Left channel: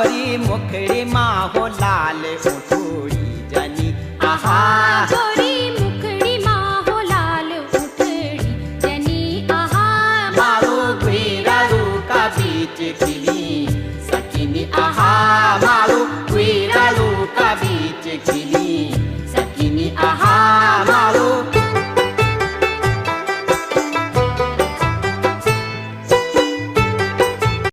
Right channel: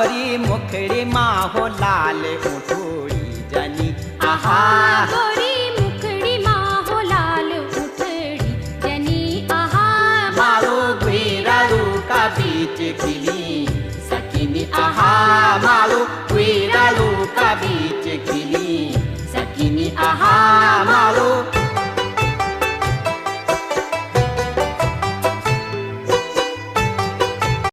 गोरी मुखड़ी माँ हो लाल उठोड़ी जनी आहा गोरी मुखड़ी माँ हो लाल उठड़ी जनी आहा मारो गुरारू का बीच खिली सकिनी आहा मारो गुरारू का बीच खिली सकिनी आहा मारो